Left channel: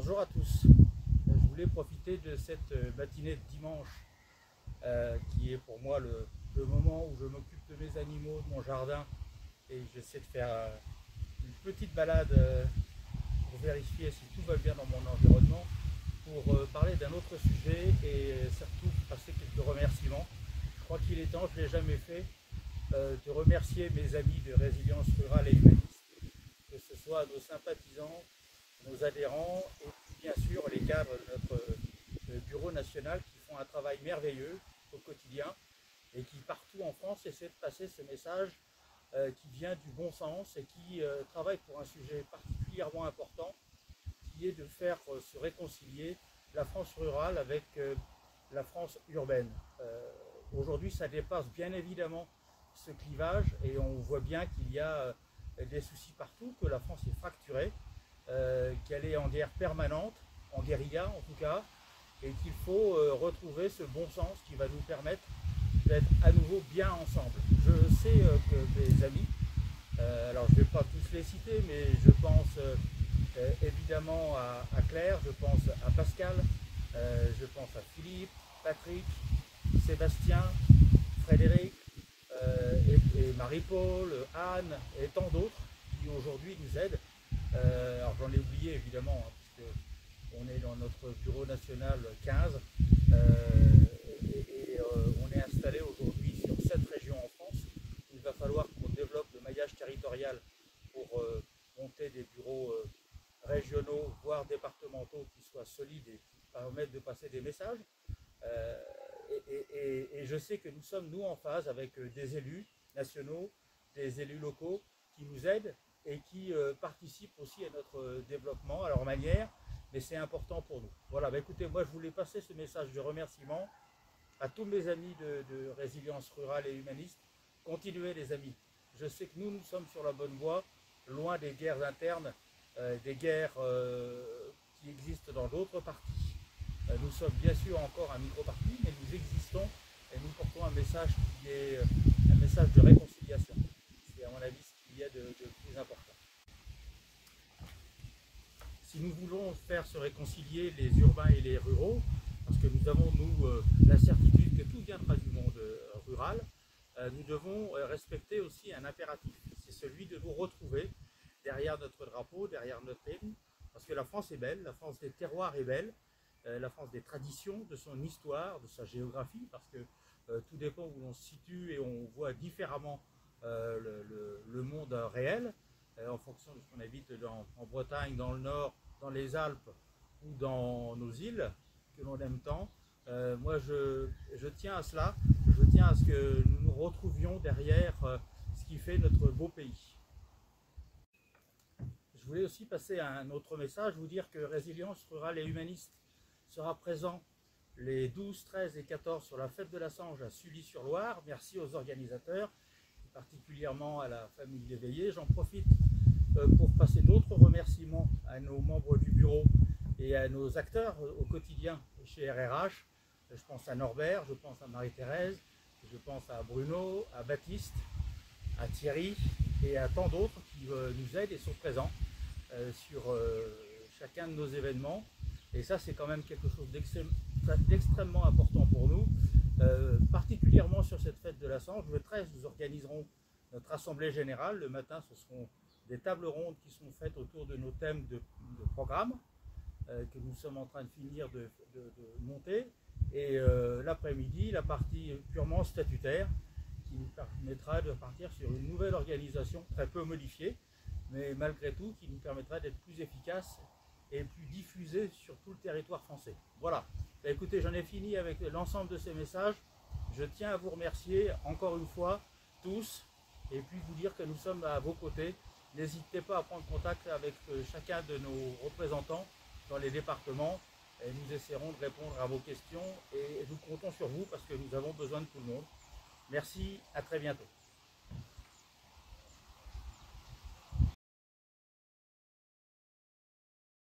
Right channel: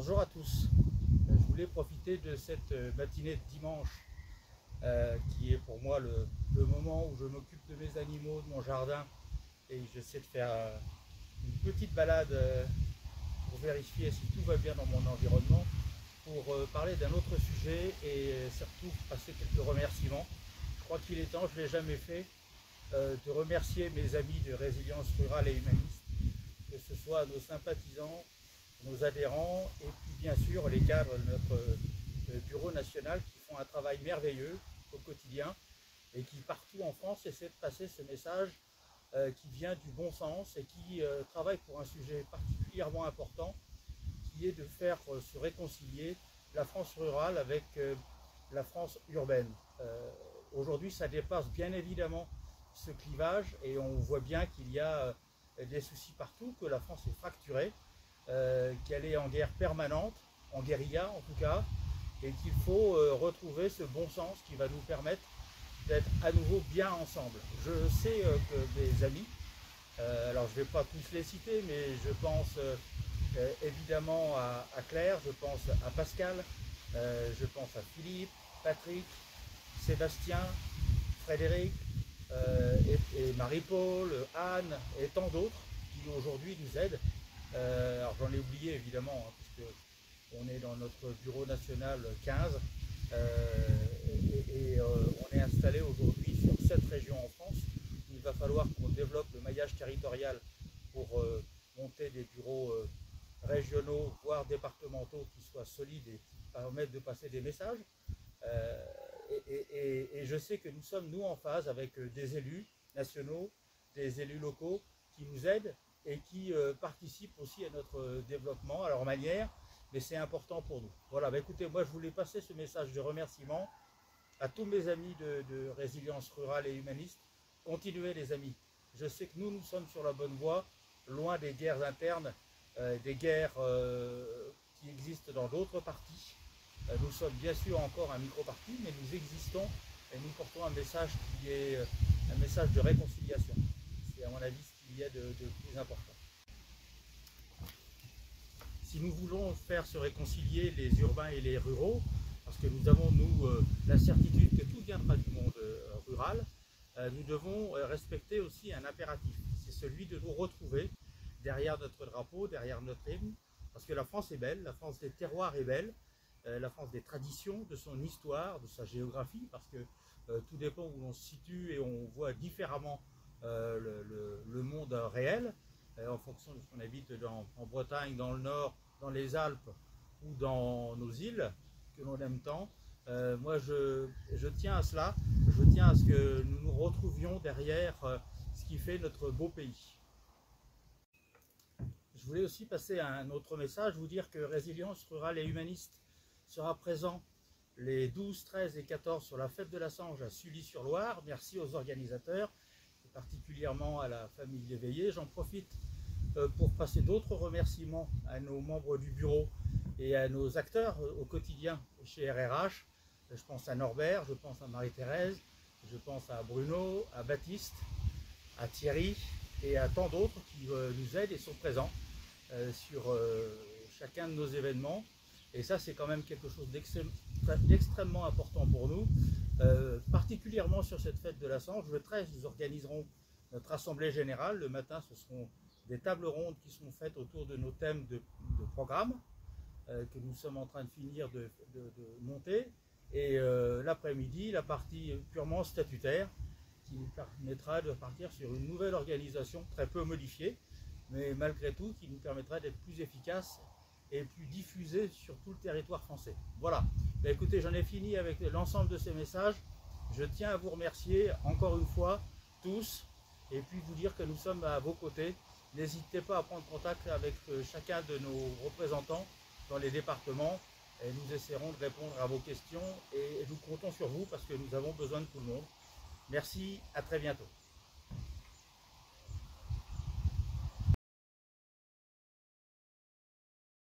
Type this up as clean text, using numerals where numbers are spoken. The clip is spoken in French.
Bonjour à tous. Je voulais profiter de cette matinée de dimanche qui est pour moi le moment où je m'occupe de mes animaux, de mon jardin, et j'essaie de faire une petite balade pour vérifier si tout va bien dans mon environnement, pour parler d'un autre sujet et surtout passer quelques remerciements. Je crois qu'il est temps, je ne l'ai jamais fait, de remercier mes amis de Résilience Rurale et Humaniste, que ce soit nos sympathisants, nos adhérents et puis bien sûr les cadres de notre bureau national qui font un travail merveilleux au quotidien et qui partout en France essaient de passer ce message qui vient du bon sens et qui travaillent pour un sujet particulièrement important qui est de faire se réconcilier la France rurale avec la France urbaine. Aujourd'hui ça dépasse bien évidemment ce clivage et on voit bien qu'il y a des soucis partout, que la France est fracturée, qu'elle est en guerre permanente, en guérilla en tout cas, et qu'il faut retrouver ce bon sens qui va nous permettre d'être à nouveau bien ensemble. Je sais que mes amis, alors je ne vais pas tous les citer, mais je pense évidemment à Claire, je pense à Pascal, je pense à Philippe, Patrick, Sébastien, Frédéric, et Marie-Paul, Anne et tant d'autres qui aujourd'hui nous aident. Alors j'en ai oublié évidemment, hein, puisque on est dans notre bureau national 15 on est installé aujourd'hui sur 7 régions en France. Il va falloir qu'on développe le maillage territorial pour monter des bureaux régionaux, voire départementaux qui soient solides et qui permettent de passer des messages. Et je sais que nous sommes, nous, en phase avec des élus nationaux, des élus locaux qui nous aident et qui participent aussi à notre développement à leur manière, mais c'est important pour nous. Voilà, bah écoutez, moi je voulais passer ce message de remerciement à tous mes amis de Résilience Rurale et Humaniste. Continuez les amis, je sais que nous sommes sur la bonne voie, loin des guerres internes, des guerres qui existent dans d'autres partis. Nous sommes bien sûr encore un micro-parti, mais nous existons et nous portons un message qui est un message de réconciliation. C'est à mon avis ce qu'il y a de plus important. Si nous voulons faire se réconcilier les urbains et les ruraux, parce que nous avons, nous, la certitude que tout viendra du monde rural, nous devons respecter aussi un impératif. C'est celui de nous retrouver derrière notre drapeau, derrière notre hymne, parce que la France est belle, la France des terroirs est belle, la France des traditions, de son histoire, de sa géographie, parce que tout dépend où l'on se situe et on voit différemment le monde réel, en fonction de ce qu'on habite en Bretagne, dans le Nord, dans les Alpes ou dans nos îles que l'on aime tant. Moi je tiens à cela, je tiens à ce que nous nous retrouvions derrière ce qui fait notre beau pays. Je voulais aussi passer à un autre message, vous dire que Résilience Rurale et Humaniste sera présent les 12, 13 et 14 sur la fête de la Sange à Sully-sur-Loire. Merci aux organisateurs, et particulièrement à la famille Léveillé. J'en profite pour passer d'autres remerciements à nos membres du bureau et à nos acteurs au quotidien chez RRH. Je pense à Norbert, je pense à Marie-Thérèse, je pense à Bruno, à Baptiste, à Thierry et à tant d'autres qui nous aident et sont présents sur chacun de nos événements. Et ça, c'est quand même quelque chose d'extrêmement important pour nous, particulièrement sur cette fête de la Sange. Le 13, nous organiserons notre assemblée générale. Le matin, ce seront des tables rondes qui seront faites autour de nos thèmes de programme que nous sommes en train de finir de monter. Et l'après-midi, la partie purement statutaire qui nous permettra de partir sur une nouvelle organisation très peu modifiée, mais malgré tout qui nous permettra d'être plus efficace et plus diffusé sur tout le territoire français. Voilà, bah, écoutez, j'en ai fini avec l'ensemble de ces messages. Je tiens à vous remercier encore une fois tous et puis vous dire que nous sommes à vos côtés. N'hésitez pas à prendre contact avec chacun de nos représentants dans les départements et nous essaierons de répondre à vos questions et nous comptons sur vous parce que nous avons besoin de tout le monde. Merci, à très bientôt.